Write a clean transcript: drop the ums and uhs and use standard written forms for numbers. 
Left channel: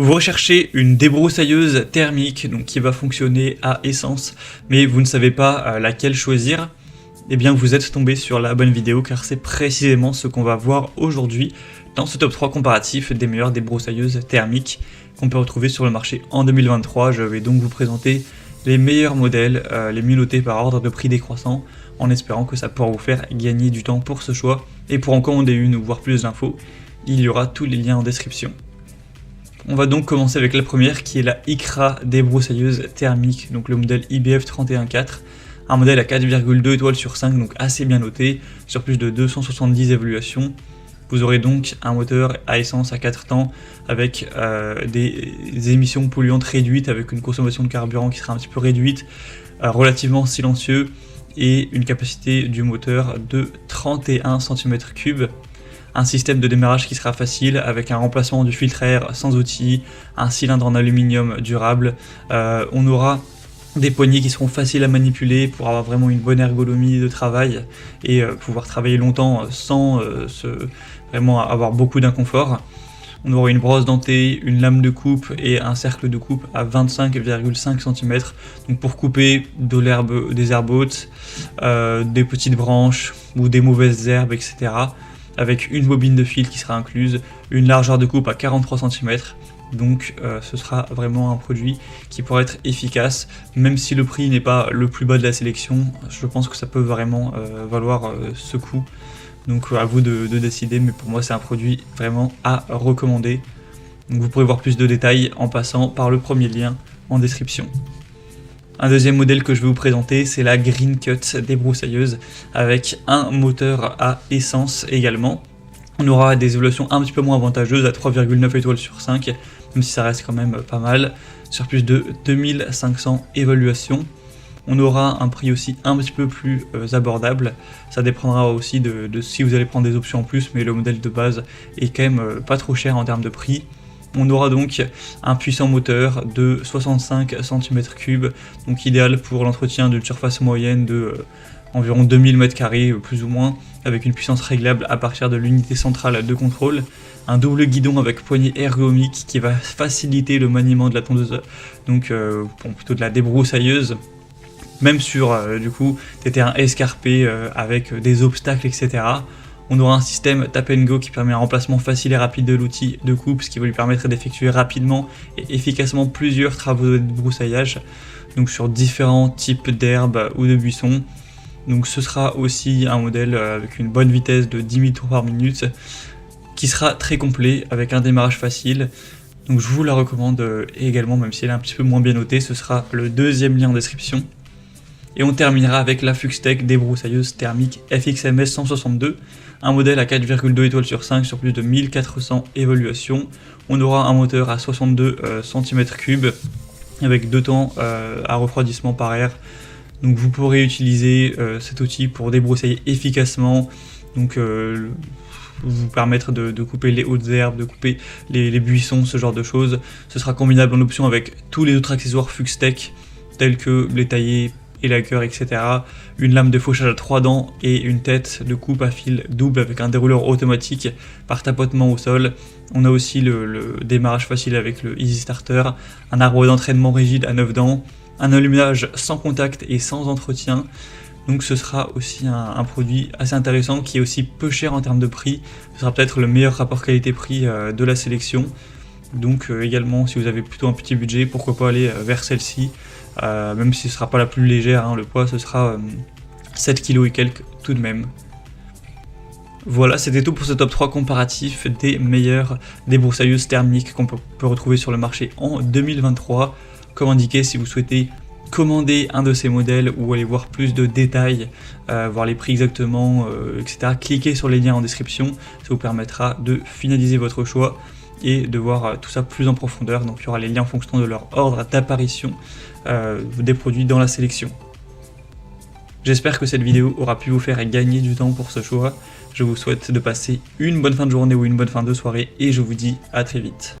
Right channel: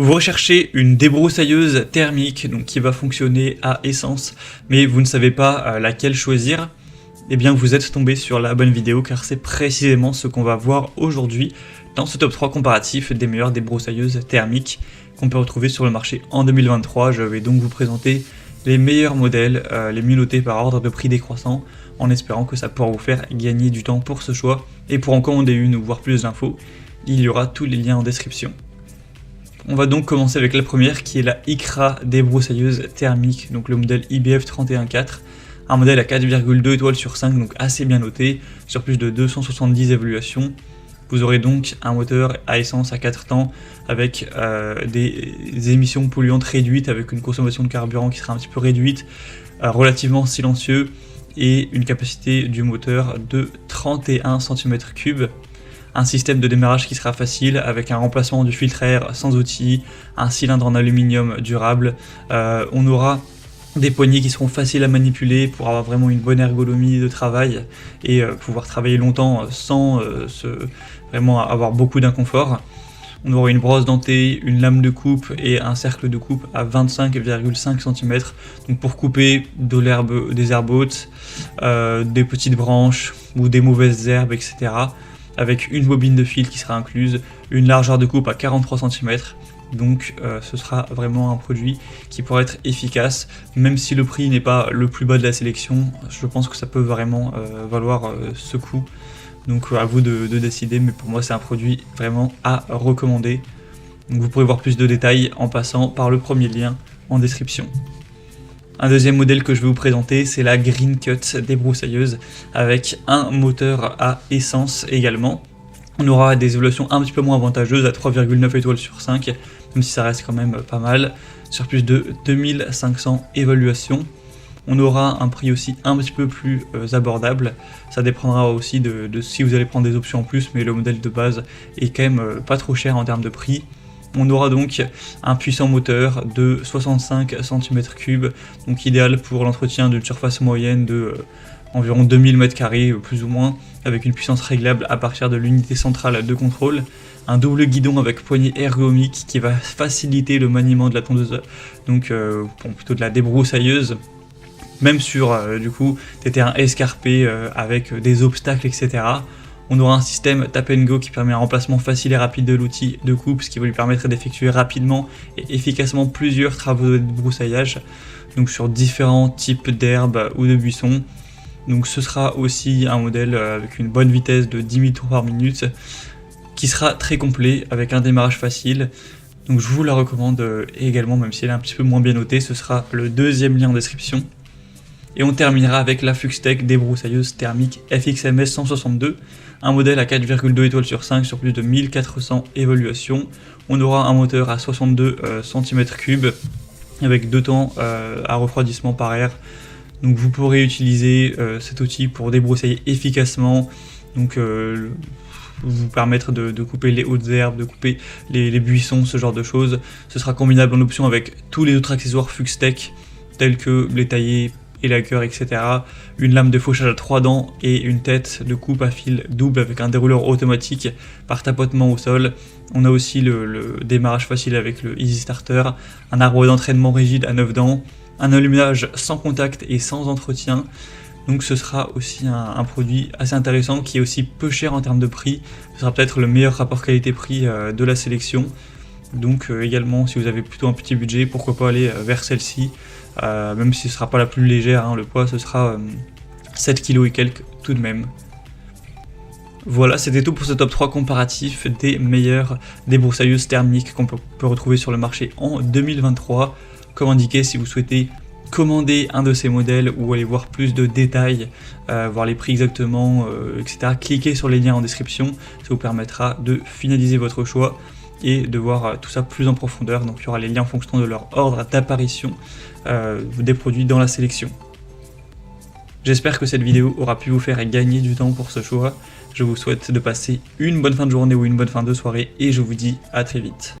Vous recherchez une débroussailleuse thermique donc qui va fonctionner à essence, mais vous ne savez pas laquelle choisir. Eh bien vous êtes tombé sur la bonne vidéo car c'est précisément ce qu'on va voir aujourd'hui dans ce top 3 comparatif des meilleures débroussailleuses thermiques qu'on peut retrouver sur le marché. En 2023, je vais donc vous présenter les meilleurs modèles, les mieux notés par ordre de prix décroissant, en espérant que ça pourra vous faire gagner du temps pour ce choix. Et pour en commander une ou voir plus d'infos, il y aura tous les liens en description. On va donc commencer avec la première qui est la ICRA débroussailleuse thermique, donc le modèle IBF 314, un modèle à 4,2 étoiles sur 5, donc assez bien noté, sur plus de 270 évaluations. Vous aurez donc un moteur à essence à 4 temps avec des émissions polluantes réduites, avec une consommation de carburant qui sera un petit peu réduite, relativement silencieux et une capacité du moteur de 31 cm3. Un système de démarrage qui sera facile avec un remplacement du filtre à air sans outil, un cylindre en aluminium durable. On aura des poignées qui seront faciles à manipuler pour avoir vraiment une bonne ergonomie de travail et pouvoir travailler longtemps sans vraiment avoir beaucoup d'inconfort. On aura une brosse dentée, une lame de coupe et un cercle de coupe à 25,5 cm donc pour couper de l'herbe, des herbes hautes, des petites branches ou des mauvaises herbes, etc. avec une bobine de fil qui sera incluse, une largeur de coupe à 43 cm, donc ce sera vraiment un produit qui pourra être efficace, même si le prix n'est pas le plus bas de la sélection, je pense que ça peut vraiment valoir ce coût, donc à vous de décider, mais pour moi c'est un produit vraiment à recommander. Vous pourrez voir plus de détails en passant par le premier lien en description. Un deuxième modèle que je vais vous présenter, c'est la Green Cut débroussailleuse avec un moteur à essence également. On aura des évaluations un petit peu moins avantageuses à 3,9 étoiles sur 5, même si ça reste quand même pas mal, sur plus de 2500 évaluations. On aura un prix aussi un petit peu plus abordable, ça dépendra aussi de si vous allez prendre des options en plus, mais le modèle de base est quand même pas trop cher en termes de prix. On aura donc un puissant moteur de 65 cm3, donc idéal pour l'entretien d'une surface moyenne de environ 2000 m² plus ou moins, avec une puissance réglable à partir de l'unité centrale de contrôle. Un double guidon avec poignée ergonomique qui va faciliter le maniement de la tondeuse, donc plutôt de la débroussailleuse, même sur du coup des terrains escarpés avec des obstacles, etc. On aura un système tap and go qui permet un remplacement facile et rapide de l'outil de coupe, ce qui va lui permettre d'effectuer rapidement et efficacement plusieurs travaux de débroussaillage, donc sur différents types d'herbes ou de buissons. Donc ce sera aussi un modèle avec une bonne vitesse de 10 mètres par minute, qui sera très complet avec un démarrage facile. Donc je vous la recommande également, même si elle est un petit peu moins bien notée, ce sera le deuxième lien en description. Et on terminera avec la Fluxtech débroussailleuse thermique FXMS 162, un modèle à 4,2 étoiles sur 5 sur plus de 1400 évaluations. On aura un moteur à 62 cm3 avec 2 temps à refroidissement par air. Donc vous pourrez utiliser cet outil pour débroussailler efficacement, donc vous permettre de couper les hautes herbes, de couper les buissons, ce genre de choses. Ce sera combinable en option avec tous les autres accessoires Fluxtech tels que blé taillé, élagueur, etc. Une lame de fauchage à 3 dents et une tête de coupe à fil double avec un dérouleur automatique par tapotement au sol. On a aussi le démarrage facile avec le Easy Starter, un arbre d'entraînement rigide à 9 dents, un allumage sans contact et sans entretien. Donc ce sera aussi un produit assez intéressant qui est aussi peu cher en termes de prix. Ce sera peut-être le meilleur rapport qualité-prix de la sélection. Donc également, si vous avez plutôt un petit budget, pourquoi pas aller vers celle-ci, même si ce ne sera pas la plus légère, hein, le poids ce sera 7 kg et quelques tout de même. Voilà, c'était tout pour ce top 3 comparatif des meilleures débroussailleuses thermiques qu'on peut retrouver sur le marché en 2023. Comme indiqué, si vous souhaitez commander un de ces modèles ou aller voir plus de détails, voir les prix exactement, etc., cliquez sur les liens en description, ça vous permettra de finaliser votre choix et de voir tout ça plus en profondeur. Donc il y aura les liens en fonction de leur ordre d'apparition des produits dans la sélection. J'espère que cette vidéo aura pu vous faire gagner du temps pour ce choix. Je vous souhaite de passer une bonne fin de journée ou une bonne fin de soirée et je vous dis à très vite.